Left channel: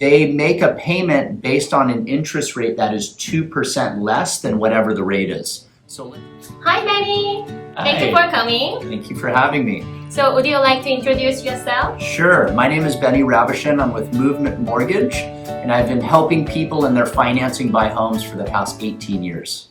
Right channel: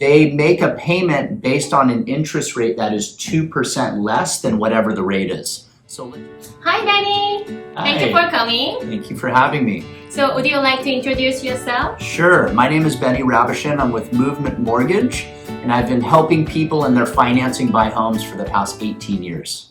They make a payment based on an interest rate that is 2% less than whatever the rate is. So, Hi, Benny. Thank you for coming. Thank you for having me. So, would you like to introduce yourself? Sure. My name is Benny Rabishin. I'm with Movement Mortgage, and I've been helping people in their financing buy homes for the past 18 years.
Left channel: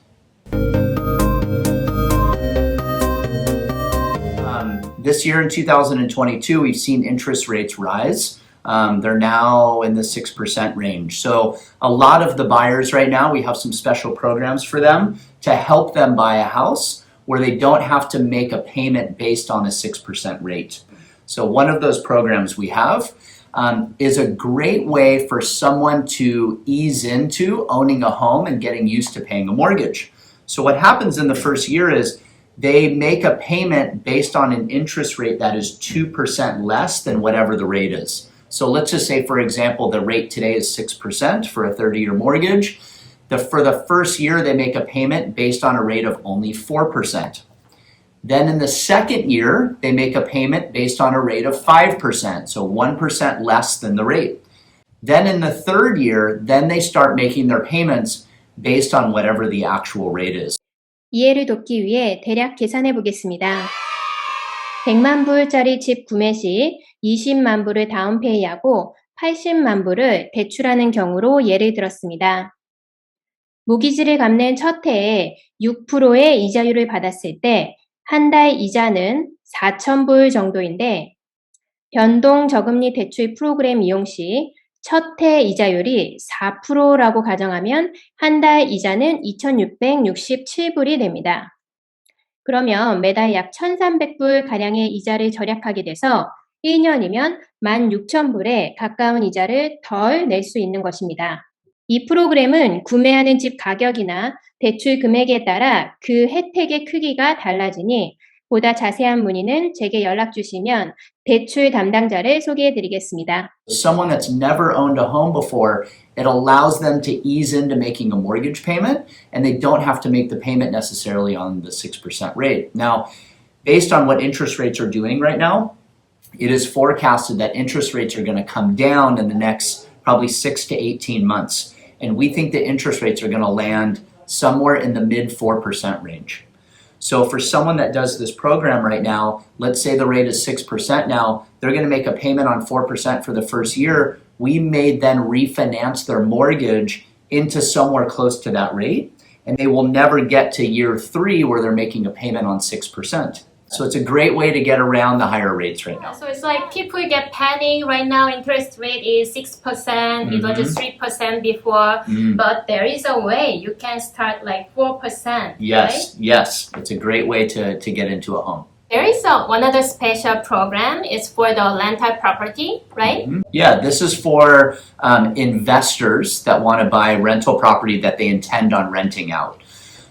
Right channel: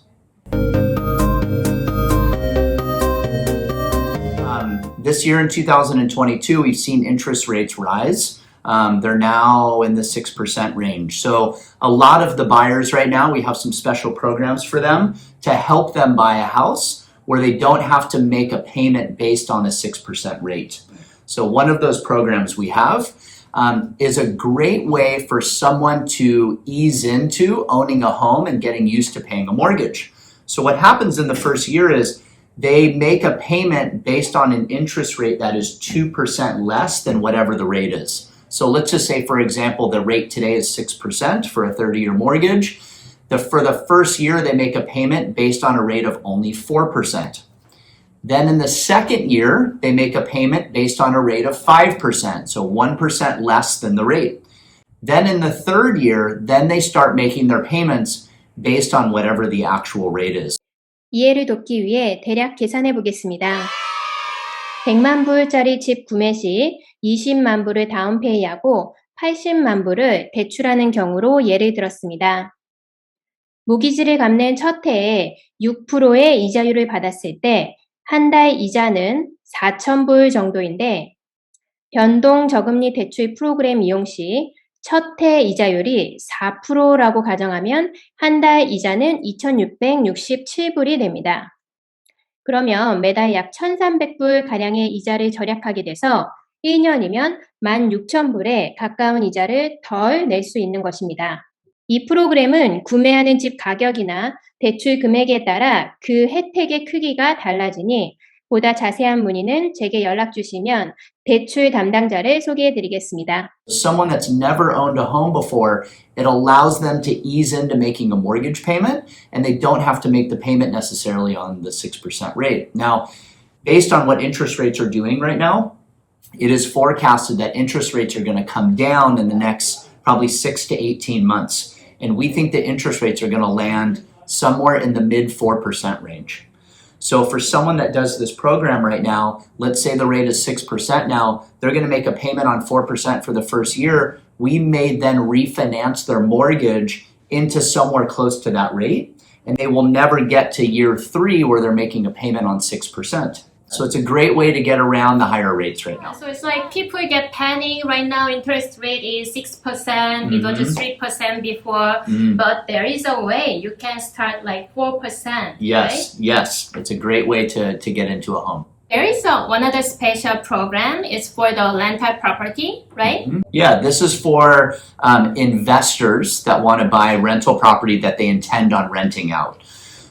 This year in 2022, we've seen interest rates rise. They're now in the 6% range. So a lot of the buyers right now, we have some special programs for them to help them buy a house where they don't have to make a payment based on a 6% rate. So one of those programs we have is a great way for someone to ease into owning a home and getting used to paying a mortgage. So what happens in the first year is they make a payment based on an interest rate that is 2% less than whatever the rate is. So let's just say, for example, the rate today is 6% for a 30-year mortgage. For the first year, they make a payment based on a rate of only 4%. Then in the second year, they make a payment based on a rate of 5%, so 1% less than the rate. Then in the third year, then they start making their payments based on whatever the actual rate is. 이해를 돕기 위해 대략 계산해 보겠습니다. 100만 불짜리 집 구매 시 20만 불을 다운페이하고 80만 불을 대출하는 경우로 예를 들었습니다. 모기지를 갚는 첫 해에 6%의 이자율을 받았을 때 한 달 이자는 4,000불 정도인데 변동 저금리 대출 프로그램 이용 시 첫 해 이자율이 4%라고 가정하면 한 달 이자는 2,667불이 됩니다. 그러면 매달 약 1,300불 가량의 이자를 절약하게 돼서 1년이면 16,000불에 가까운 이자를 덜 낼 수 있는 것입니다. 이 프로그램은 구매하는 집 가격이나 대출 금액에 따라 그 혜택의 크기가 달라지니 보다 자세한 문의는 제게 연락 주시면 대출 담당자를 소개해 드리겠습니다. Someone that's never owned a home before, it allows them to ease into making a mortgage payment, and they don't have to make the payment necessarily on the 6% rate. Now, based on what interest rates are doing right now, it is forecasted that interest rates are going to come down in the next probably 6 to 18 months. And we think the interest rates are going to land somewhere in the mid 4% range. So for someone that does this program right now, let's say the rate is 6% now, they're going to make a payment on 4% for the first year. We may then refinance their mortgage into somewhere close to that rate, and they will never get to year 3 where they're making a payment on 6%. So it's a great way to get around the higher rates right now. So it's like people get panic right now. Interest rate is 6%. It was just 3% before. But there is a way you can start like 4%. Yes, right? yes. It's a great way to get into a home. There is one other special program. It's for the rental property, right? Yeah, this is for investors that want to buy rental property that they intend on renting out.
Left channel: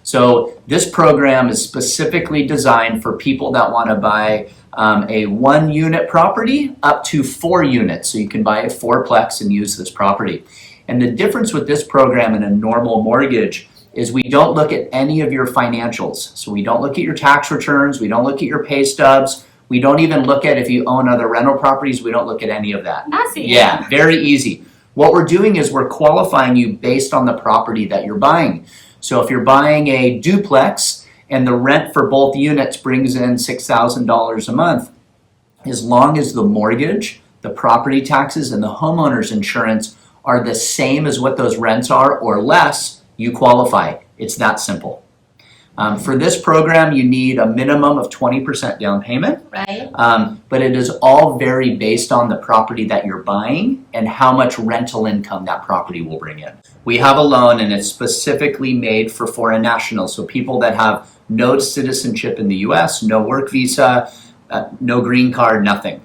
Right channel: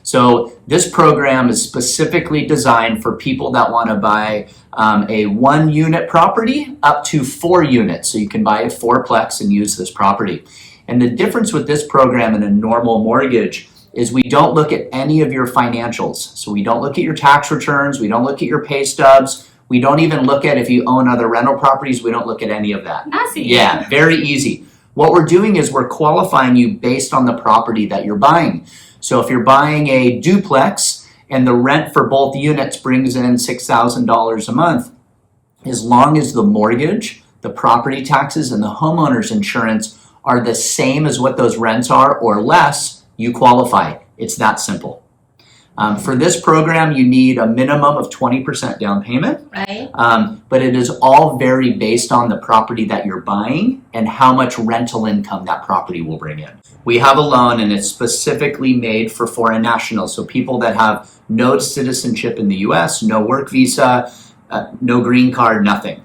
So this program is specifically designed for people that want to buy a 1-unit property up to 4 units. So you can buy a 4-plex and use this property. And the difference with this program and a normal mortgage is we don't look at any of your financials. So we don't look at your tax returns. We don't look at your pay stubs. We don't even look at if you own other rental properties. We don't look at any of that. That's easy. Yeah, very easy. What we're doing is we're qualifying you based on the property that you're buying. So if you're buying a duplex and the rent for both units brings in $6,000 a month, as long as the mortgage, the property taxes, and the homeowner's insurance are the same as what those rents are or less, you qualify. It's that simple. For this program, you need a minimum of 20% down payment. Right. But it is all very based on the property that you're buying and how much rental income that property will bring in. We have a loan and it's specifically made for foreign nationals. So people that have no citizenship in the US, no work visa, no green card, nothing.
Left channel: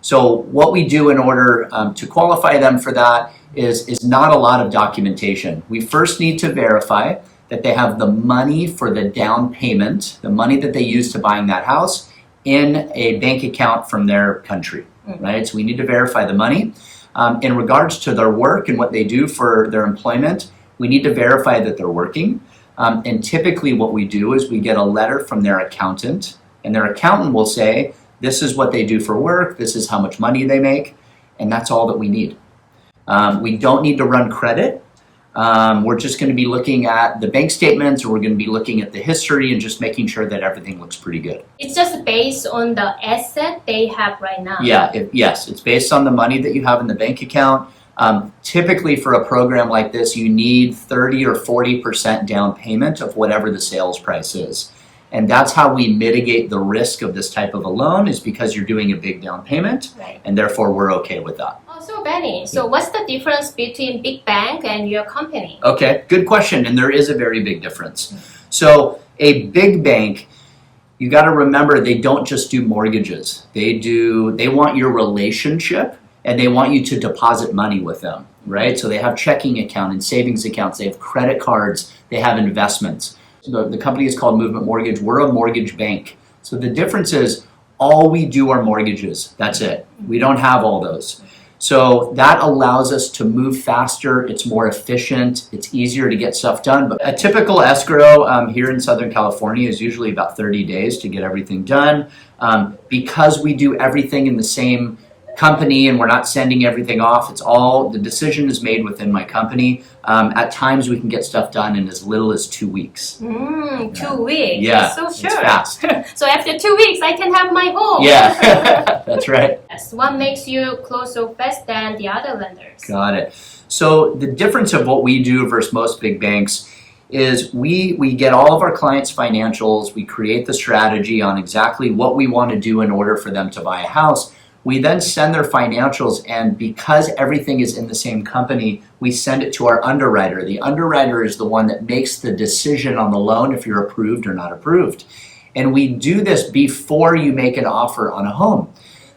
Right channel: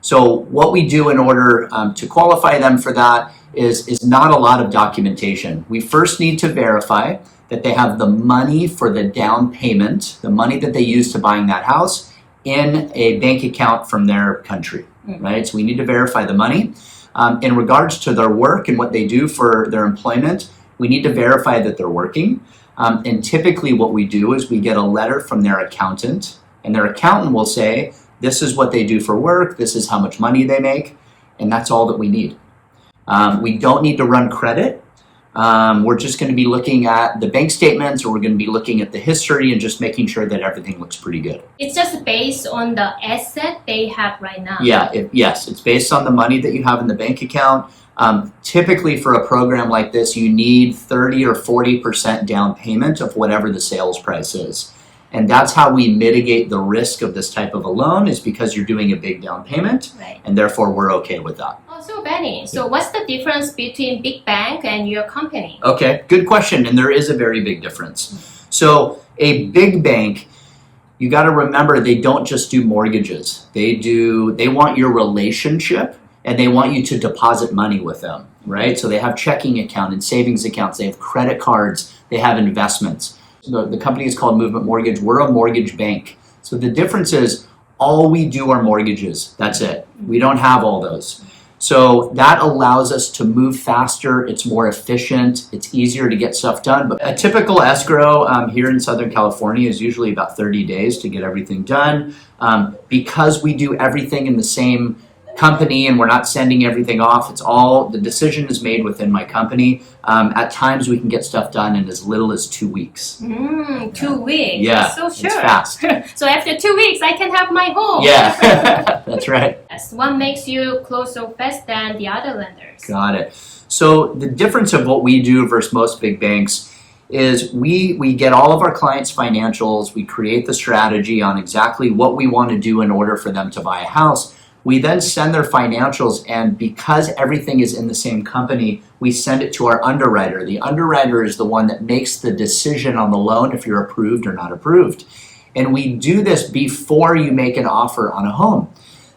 So what we do in order to qualify them for that is not a lot of documentation. We first need to verify that they have the money for the down payment, the money that they use to buying that house in a bank account from their country, right? So we need to verify the money. In regards to their work and what they do for their employment, we need to verify that they're working. And typically what we do is we get a letter from their accountant, and their accountant will say, this is what they do for work, this is how much money they make, and that's all that we need. We don't need to run credit. We're just going to be looking at the bank statements, or we're going to be looking at the history and just making sure that everything looks pretty good. It's just based on the asset they have right now. Yeah, yes, it's based on the money that you have in the bank account. Typically for a program like this, you need 30 or 40% down payment of whatever the sales price is. And that's how we mitigate the risk of this type of a loan, is because you're doing a big down payment, Right. and therefore we're okay with that. Oh, so Benny, so what's the difference between big bank and your company? Okay, good question, and there is a very big difference. So a big bank, you got to remember, they don't just do mortgages. They want your relationship, and they want you to deposit money with them, right? So they have checking account and savings accounts, they have credit cards, they have investments. The company is called Movement Mortgage. We're a mortgage bank. So the difference is all we do are mortgages. That's it. We don't have all those. So that allows us to move faster. It's more efficient. It's easier to get stuff done. But a typical escrow here in Southern California is usually about 30 days to get everything done. Because we do everything in the same company and we're not sending everything off, the decision is made within my company. At times we can get stuff done in as little as 2 weeks. 2 weeks. Yeah, So sure. it's fast. So after 2 weeks, I can have my home. Yeah, that's right. Yes. What makes you close so fast than the other lenders? Got it. So the difference of what we do versus most big banks is we get all of our clients' financials, we create the strategy on exactly what we want to do in order for them to buy a house. We then send their financials, and because everything is in the same company, we send it to our underwriter. The underwriter is the one that makes the decision on the loan if you're approved or not approved. And we do this before you make an offer on a home.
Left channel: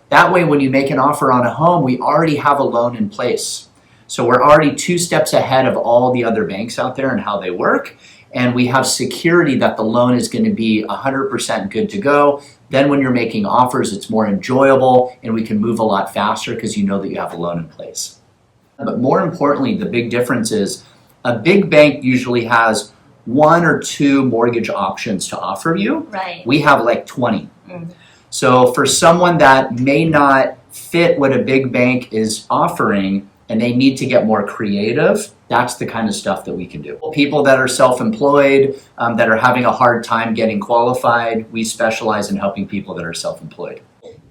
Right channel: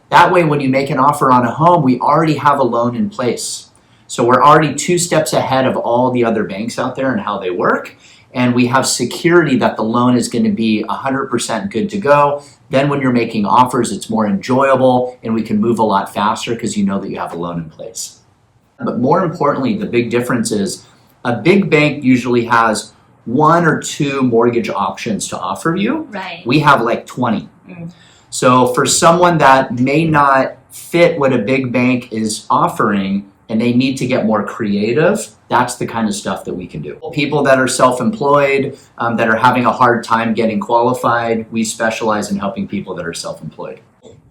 That way, when you make an offer on a home, we already have a loan in place. So we're already 2 steps ahead of all the other banks out there and how they work. And we have security that the loan is going to be 100% good to go. Then when you're making offers, it's more enjoyable and we can move a lot faster because you know that you have a loan in place. But more importantly, the big difference is a big bank usually has 1 or 2 mortgage options to offer you. Right. We have like 20. So for someone that may not fit what a big bank is offering and they need to get more creative, that's the kind of stuff that we can do. People that are self-employed, that are having a hard time getting qualified, we specialize in helping people that are self-employed.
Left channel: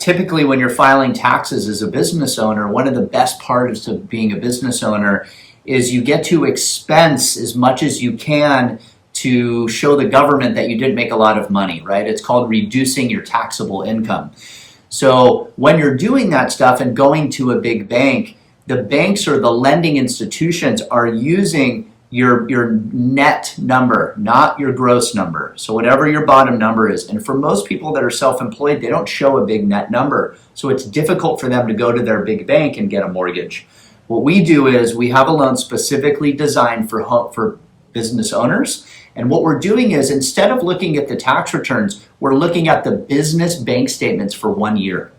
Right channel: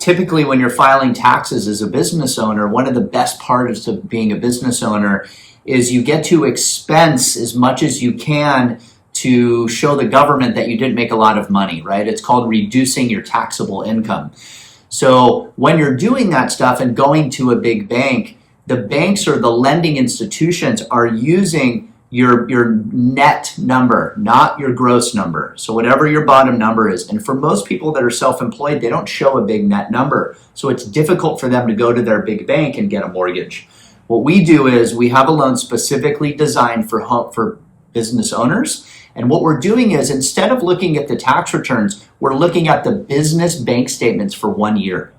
Typically, when you're filing taxes as a business owner, one of the best parts of being a business owner is you get to expense as much as you can to show the government that you didn't make a lot of money, right? It's called reducing your taxable income. So when you're doing that stuff and going to a big bank, the banks or the lending institutions are using your net number, not your gross number. So whatever your bottom number is. And for most people that are self-employed, they don't show a big net number. So it's difficult for them to go to their big bank and get a mortgage. What we do is we have a loan specifically designed for business owners. And what we're doing is, instead of looking at the tax returns, we're looking at the business bank statements for 1 year.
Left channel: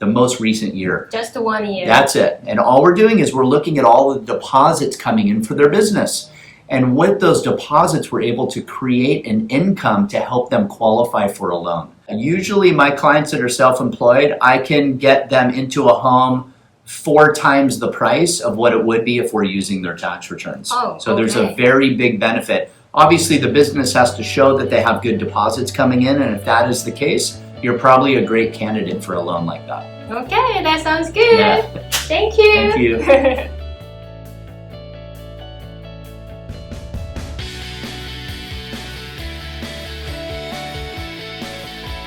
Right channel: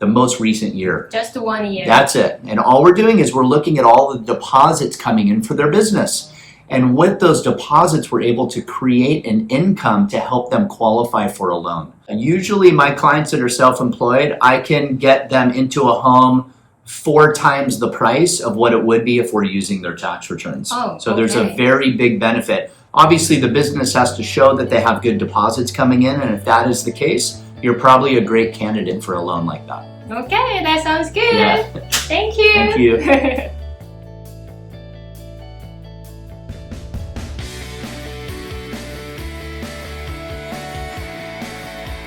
The most recent year. Just 1 year. That's it. And all we're doing is we're looking at all the deposits coming in for their business. And with those deposits, we're able to create an income to help them qualify for a loan. Usually my clients that are self-employed, I can get them into a home 4 times the price of what it would be if we're using their tax returns. So there's a very big benefit. Obviously, the business has to show that they have good deposits coming in. And if that is the case, you're probably a great candidate for a loan like that. Okay, that sounds good. Yeah. Thank you. Thank you.